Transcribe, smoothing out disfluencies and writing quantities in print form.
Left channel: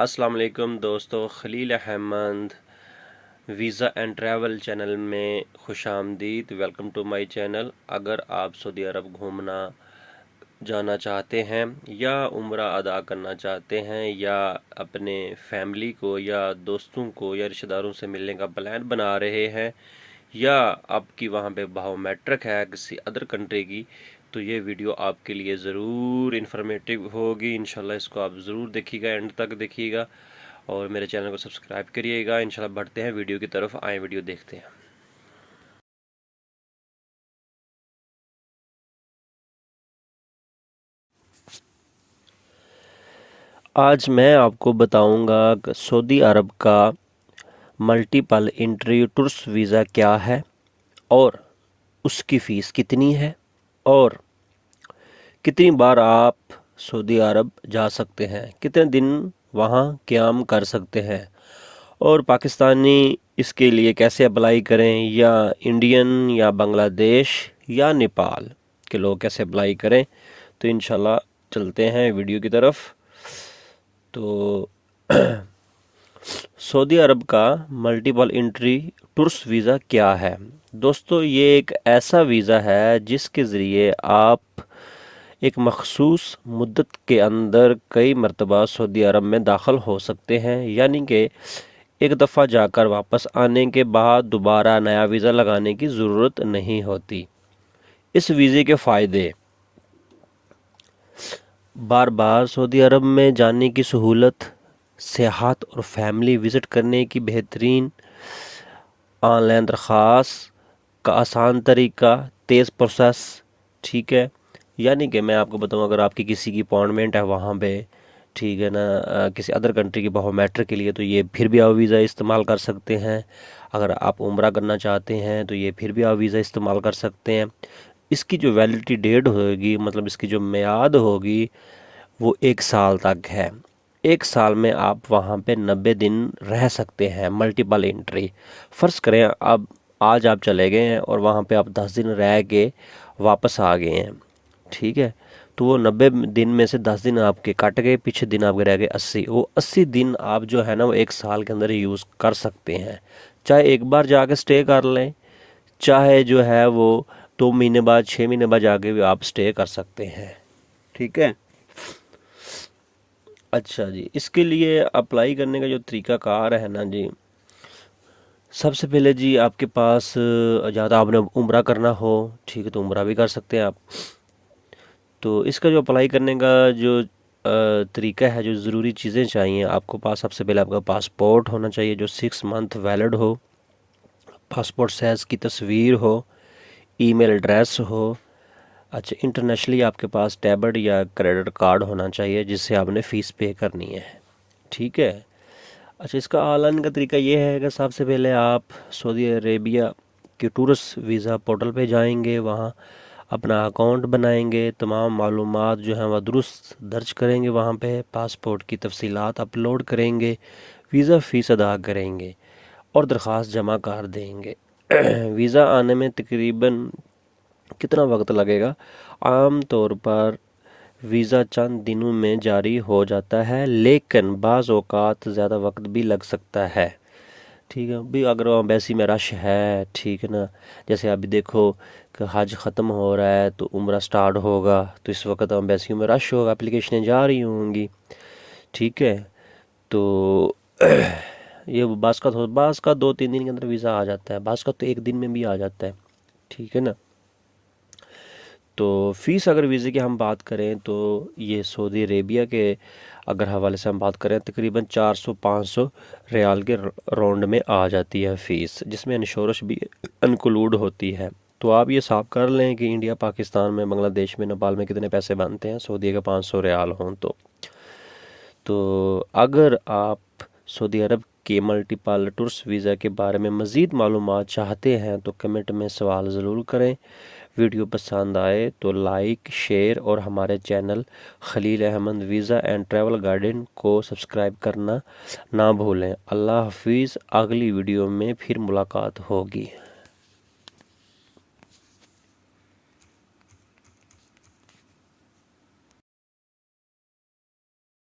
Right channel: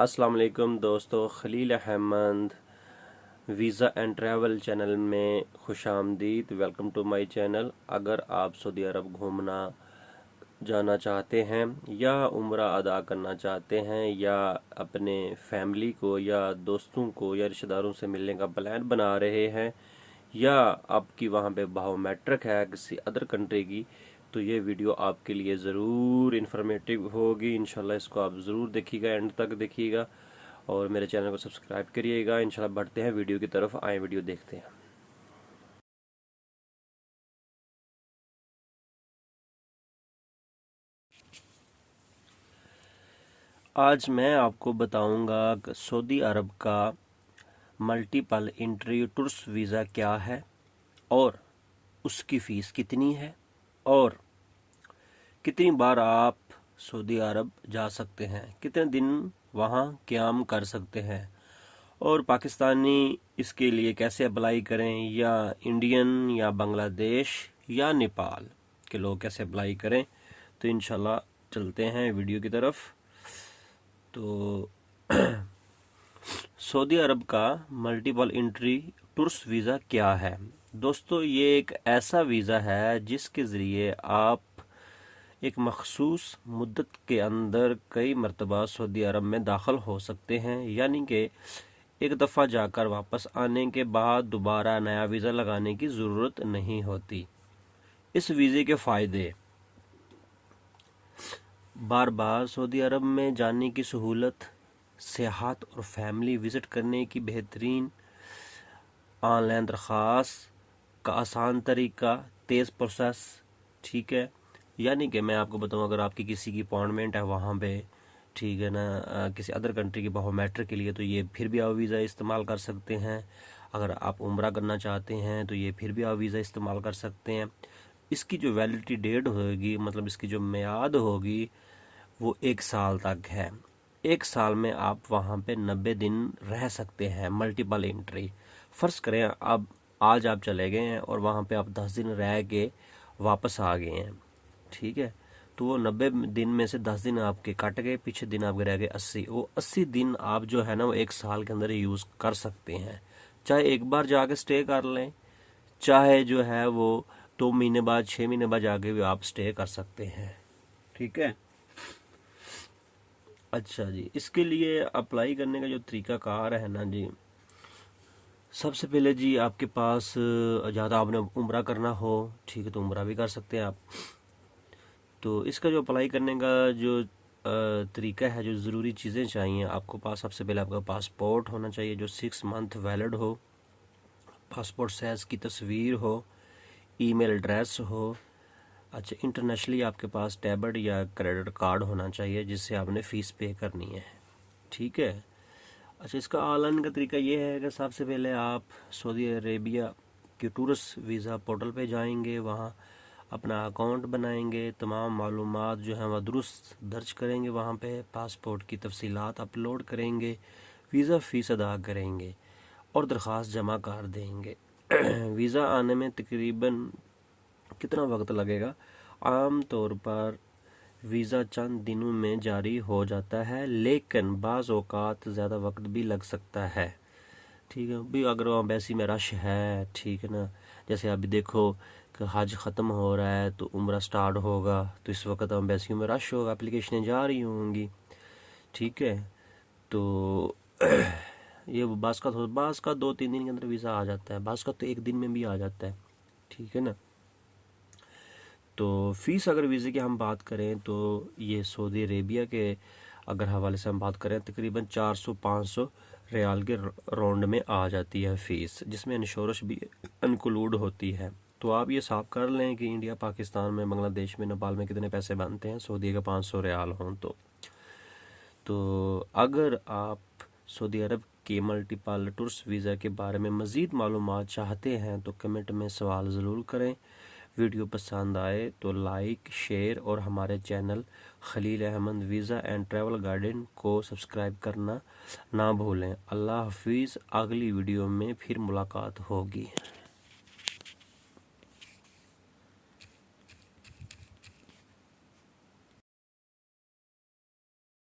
अस्सलाम वालेकुम दोस्तों, Khalil Ahmed visa and travel channel में खुश आमदीद। Welcome to my channel. अगर आप सऊदी अरब घूमना जाना चाहते हैं या उम्रा अदा करना चाहते हैं या अपने फैमिली को या दोस्तों को या रिश्तेदारों से मिलने का प्लान बना रहे हैं या आपकी वहाँ पे बायोमेट्रिक है किसी अदर कंट्री की, तो ये वीडियो आपके लिए ज़रूर इन्फॉर्मेटिव होगी। इंशाल्लाह इसको आप ज़रूर देखिएगा, एंड तक देखिएगा और मेरे चैनल को सब्सक्राइब करिएगा। इंशाल्लाह बढ़ते हैं वीडियो की तरफ, आए वीडियो देखते हैं। आज मैं आपको बताऊंगा सऊदी अरब का मल्टीपल एंट्री टूरिस्ट वीज़ा क्या है और उसकी फ़ीस कितनी है और कितनी बार आप सऊदी अरब जा सकते हैं, कितने दिन वहाँ क़याम कर सकते हैं और पाकिस्तानी इसके लिए कैसे अप्लाई करें या इंडियन या बांग्लादेश या नेपाल के लोग कैसे अप्लाई करें। तो इंशाल्लाह चलते हैं वीडियो की तरफ। तो सऊदी अरब का मल्टीपल एंट्री टूरिस्ट वीज़ा क्या है दोस्तों? ये एक ऐसा वीज़ा है जिसके ज़रिए आप एक मखसूस मुद्दत के अंदर कई मरतबा सऊदी अरब में दाखिल हो सकते हैं, यानी कि एक दफ़ा जाकर वापस आने के बाद दोबारा नया वीज़ा लगाने की ज़रूरत नहीं होती। इस वीज़े के फ़ायदे: बार बार सऊदी अरब में जाने की सहूलत, सियाहत और फैमिली विज़िट करने की बेहतरीन ऑनलाइन दरख्वास्त का आसान तरीका, तेज़ प्रोसेस। ठीक है, यानी कि मैं आपको बताऊं, अगर आपकी किसी की अपॉइंटमेंट है वहाँ पे, ठीक है ना, किसी अदर कंट्री की बायोमेट्रिक के लिए, तो ये फिर भी आप वीज़ा इस्तेमाल कर सकते हैं। अगर आप उम्रा करना चाहते हैं तो ये फिर भी आप वीज़ा इस्तेमाल कर सकते हैं। इसकी जो वैलिडिटी डेट होगी, मतलब इसकी जो मियाद होगी, वो 1 साल तक है। 1 साल में आप वहाँ पे 90 दिन रह सकते हैं। मल्टीपल एंट्री, फ़र्ज़ करें अब आज आप चले गए हैं और वहाँ पे आप 10 दिन रह के वापस आ गए हैं, ठीक है, तो वो 90 दिन में से 10 दिन आपके कट गए, पीछे दिन आपके रह गए 80। वो 80 दिन आप जो है ना वो 1 साल के अंदर यूज़ कर सकते हैं। चाहे एक बार जाके स्टे कर लें, चाहे जो है वो 2 महीने बाद 6 महीने बाद जाके भी आप स्टे कर सकते हैं। ठीक है, अच्छा जी, इसके लिए अप्लाई करने का जो तरीक़ाकार है ना जी, सबसे पहले जी आपके पास ज़्यादा आपने उम्रा करना हो, ठीक है, तो उम्रा भी कर सकते हैं आप। तो इसका जो अप्लाई करने का जो तरीका है, जो ज़रूरी चीज़ें चाहिए आपको पास, सबसे पहले आपका पासपोर्ट होना चाहिए जो 6 मंथ वैलिड हो, पासपोर्ट साइज़ की तस्वीर हो, ईमेल एड्रेस हो। अच्छा, इंटरनेशनली आपके पास डेबिट या क्रेडिट कार्ड होना चाहिए जिससे आपने फ़ीस पे करनी है। ठीक है, अच्छा, इसका ऑनलाइन का तरीका ये है कि सबसे पहले आप सऊदी अरेबिया के टूरिस्ट वीज़ा पोर्टल पे जाएंगे, वहाँ अपना अकाउंट बनाएंगे, तमाम मालूमात जो हैं वह दुरुस्त दर्ज करेंगे, वहाँ पे पासपोर्ट की तफसीलात अपलोड करेंगे, वीज़ा फ़ीस अदा करेंगे और दरख्वास्त जमा कर देंगे। वीज़ा आने में तकरीबन कितना वक्त लगेगा? आम तौर पर वीज़ा चंद दिनों में जारी हो जाता है, लेकिन बाज़ औक़ात ज़्यादा वक्त भी लग सकता है। ठीक है भी, अगर एम्बेसी में रश है, ठीक है ना, जैसे अभी देखो कि हज ख़त्म हो रहा है तो उम्रा स्टार्ट होगा, तो इस वक्त एम्बेसियों में रश होगा, एप्लीकेशनें जा रही होंगी। ठीक है, तो ये बाज़ का 2-3 दिन के अंदर वीज़ा आ जाता है, बाज़ का तो 1 दिन में भी आ जाता है। ठीक है ना, तो फ़ीस अगर वीज़े की हम बात करें तो ये सऊदी अरेबिया के अगर हवाले से हम बात करें तकरीबन 400-500 रियाल के राउंड में आ जाती है फ़ीस, जिसमें इंश्योरेंस भी इंक्लूड होती है। तो आप ये हिसाब कर लें कि इंडिया, पाकिस्तान में, बांग्लादेश में, नेपाल में कितने पैसे बनते हैं सऊदी के 500 रियाल हों तो अगर आप सऊदी अरब के मल्टीपल टूरिस्ट वीज़ा के बारे में मज़ीद मालूमात चाहते हैं तो कमेंट में सवाल ज़रूर करें। वीडियो पसंद आए तो लाइक, शेयर और हमारे channel Khalil Ahmed visa and travel guidance को सब्सक्राइब करना ना भूलें। अल्लाह हाफिज़, अगली वीडियो में फिर मुलाकात होगी।